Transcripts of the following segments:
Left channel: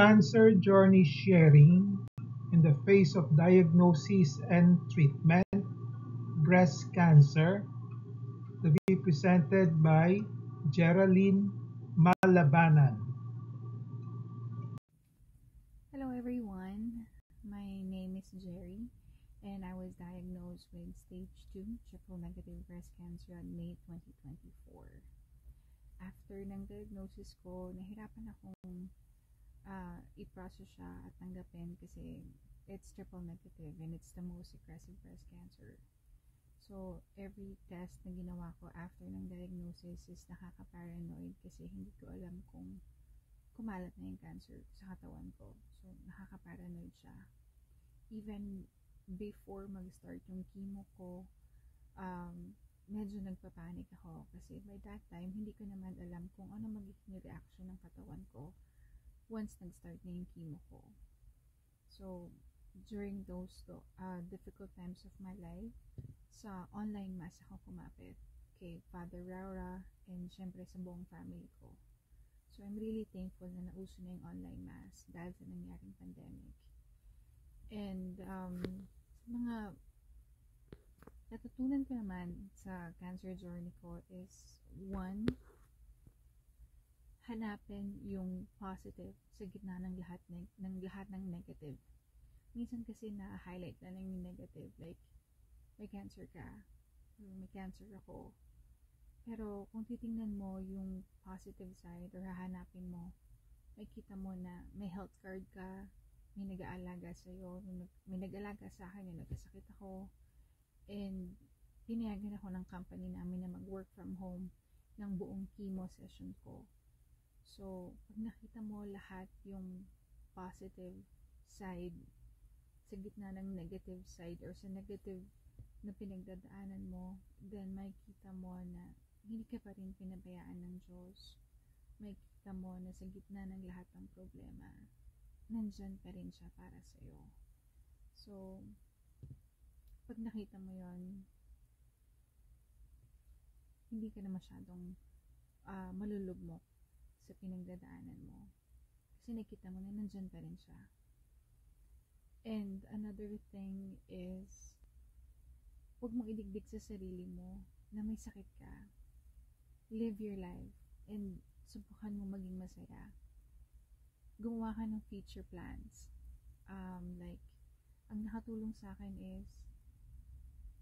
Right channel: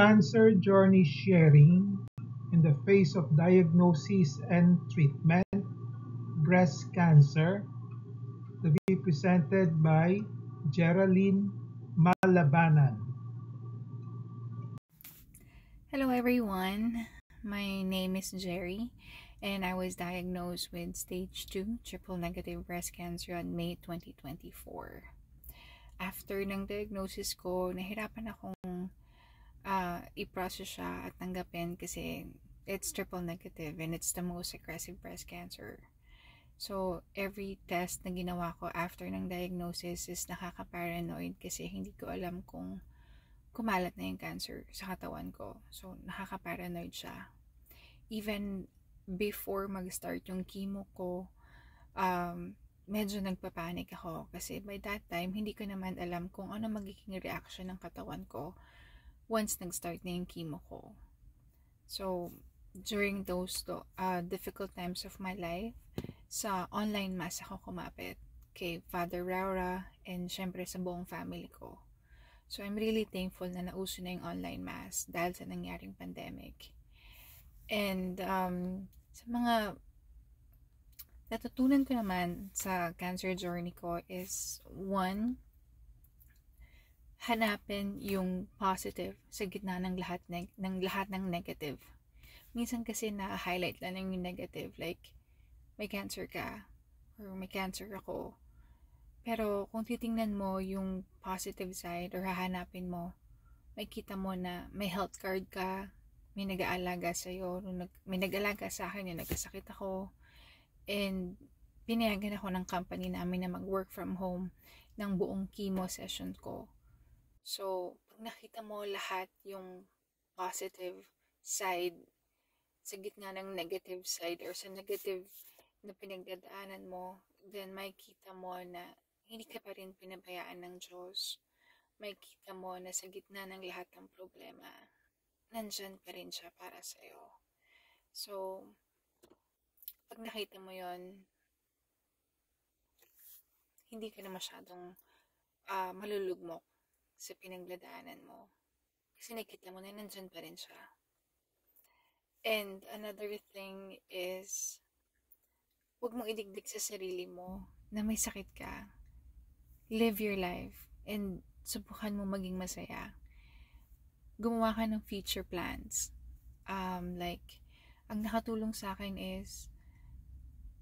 cancer journey sharing in the face of diagnosis and treatment, breast cancer, to be presented by Geraldine Malabanan. Hello everyone. My name is Jerry and I was diagnosed with stage 2 triple negative breast cancer on May 2024. After ng diagnosis ko, nahirapan akong i-process siya at tanggapin kasi it's triple negative and it's the most aggressive breast cancer. So, every test na ginawa ko after ng diagnosis is nakaka-paranoid kasi hindi ko alam kung kumalat na yung cancer sa katawan ko. So, nakaka-paranoid siya. Even before mag-start yung chemo ko, medyo nagpapanik ako kasi by that time, hindi ko naman alam kung ano magiging reaction ng katawan ko once nag-start na yung chemo ko. So, during those difficult times of my life, sa online mass ako kumapit kay Father Raura and syempre sa buong family ko. So, I'm really thankful na nauso na yung online mass dahil sa nangyaring pandemic. And sa mga natutunan ko naman sa cancer journey ko is, one, hanapin yung positive sa gitna ng lahat ng negative. Minsan kasi na-highlight lang yung negative, like may cancer ka or may cancer ako. Pero kung titingnan mo yung positive side or hahanapin mo, makita mo na may health card ka, may nag-aalaga sa'yo, may nag-aalaga sa akin yung nagkasakit ako, and pinayagan ako ng company namin na mag-work from home ng buong chemo session ko. So, pag nakita mo lahat yung positive side sa gitna ng negative side or sa negative na pinagdadaanan mo, then makikita mo na hindi ka pa rin pinabayaan ng Diyos. Makikita mo na sa gitna ng lahat ng problema, nandyan pa rin siya para sa'yo. So, pag nakita mo yon, hindi ka na masyadong malulugmok sa pinagdadaanan mo. Kasi nakita mo na nandyan pa rin siya. And another thing is, huwag mong idigdig sa sarili mo na may sakit ka. Live your life and subukan mo maging masaya. Gumawa ka ng future plans. Like, ang nakatulong sa akin is,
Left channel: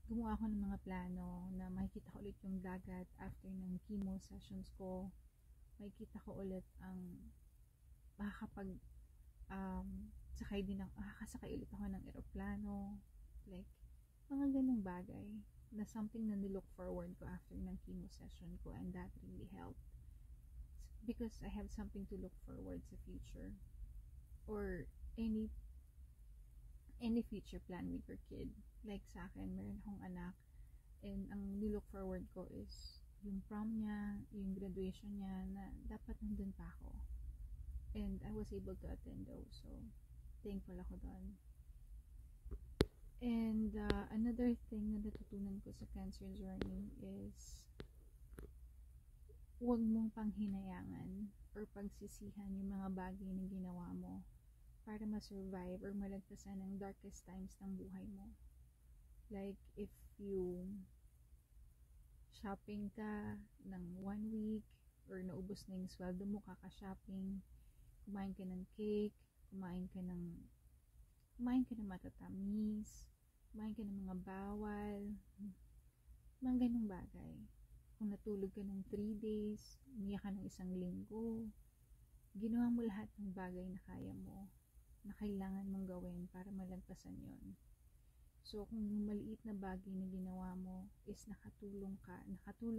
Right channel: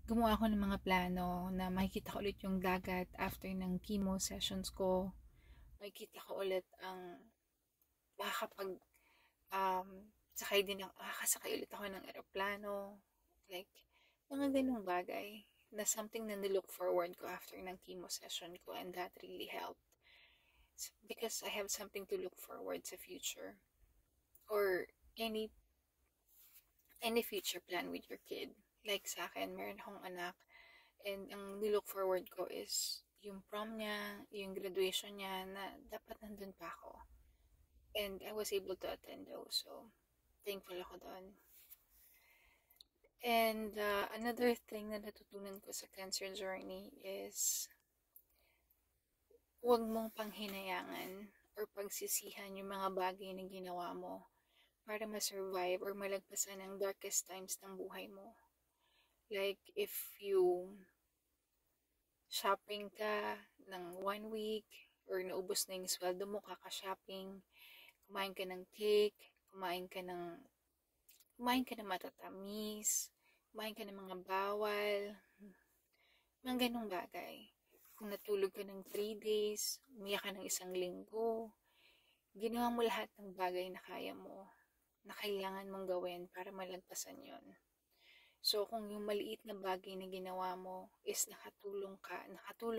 gumawa ako ng mga plano na makikita ko ulit yung dagat after ng chemo sessions ko. Makikita ko ulit ang makakasakay ulit ako ng aeroplano. Like, mga ganung bagay na something na nilook forward ko after ng chemo session ko, and that really helped. Because I have something to look forward sa future. Or any future plan with your kid. Like sa akin, meron akong anak, and ang nilook forward ko is yung prom niya, yung graduation niya, na dapat nandun pa ako. And I was able to attend those, so thankful ako doon. And another thing na natutunan ko sa cancer journey is, huwag mong panghinayangan or pagsisihan yung mga bagay na ginawa mo para ma-survive or malagpasan ang darkest times ng buhay mo. Like, if you shopping ka ng 1 week or naubos na yung sweldo mo kaka-shopping, kumain ka ng cake, kumain ka ng matatamis, kumain ka ng mga bawal, mga ganong bagay. Kung natulog ka ng 3 days, umiyak ka ng 1 linggo, ginawa mo lahat ng bagay na kaya mo, na kailangan mong gawin para malagpasan yon. So, kung yung maliit na bagay na ginawa mo is nakatulong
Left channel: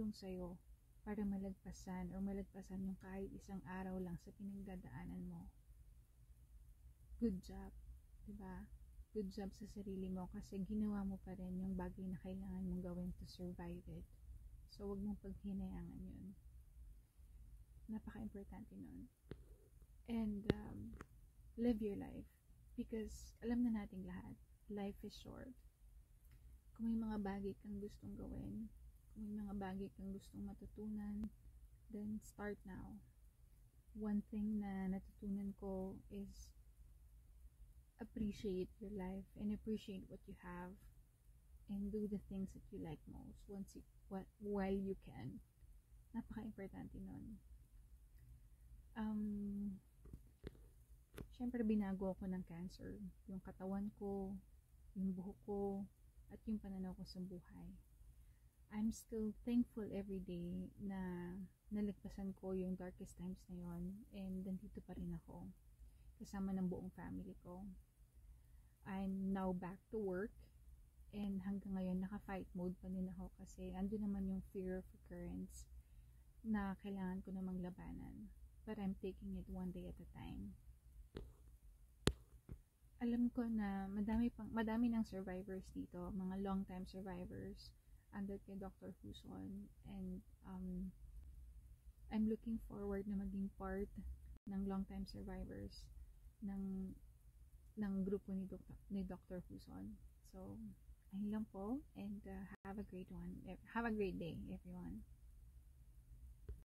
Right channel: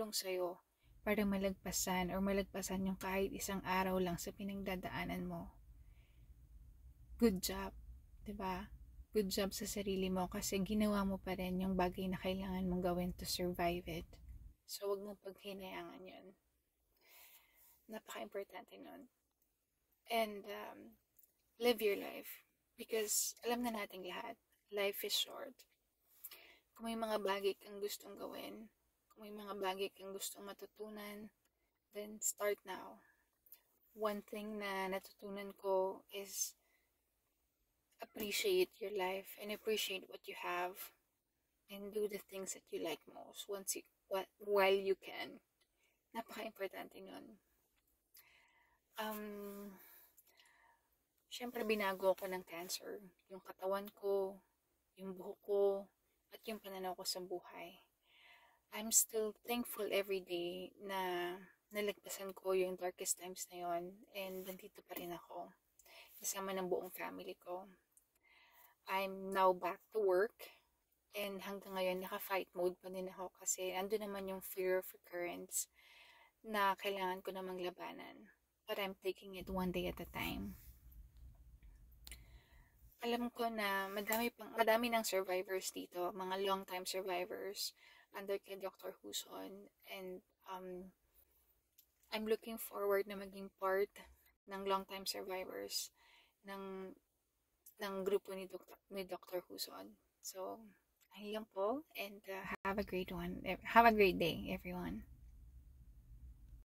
sa'yo para malagpasan yung kahit 1 araw lang sa pinagdadaanan mo, good job. Diba? Good job sa sarili mo kasi ginawa mo pa rin yung bagay na kailangan mong gawin to survive it. So, wag mong paghinayangan yun. Napaka-importante nun. And live your life. Because alam na nating lahat, life is short. Kung may mga bagay kang gustong gawin, kung may mga bagay kang gustong matutunan, then start now. one thing na natutunan ko is appreciate your life and appreciate what you have and do the things that you like most while you can. Napaka-importante nun. Syempre binago ako ng cancer. Yung katawan ko, yung buhok ko, at yung pananaw ko sa buhay. I'm still thankful every day na nalagpasan ko yung darkest times na yon and nandito pa rin ako kasama ng buong family ko. I'm now back to work and hanggang ngayon naka-fight mode pa din ako kasi ando naman yung fear of recurrence na kailangan ko namang labanan. But I'm taking it one day at a time. Alam ko na madami ng survivors dito, mga long time survivors under kay Dr. Huson, and I'm looking forward na maging part ng long time survivors ng grupo ni Dr. Huson. So, ayun lang po, and have a great day everyone.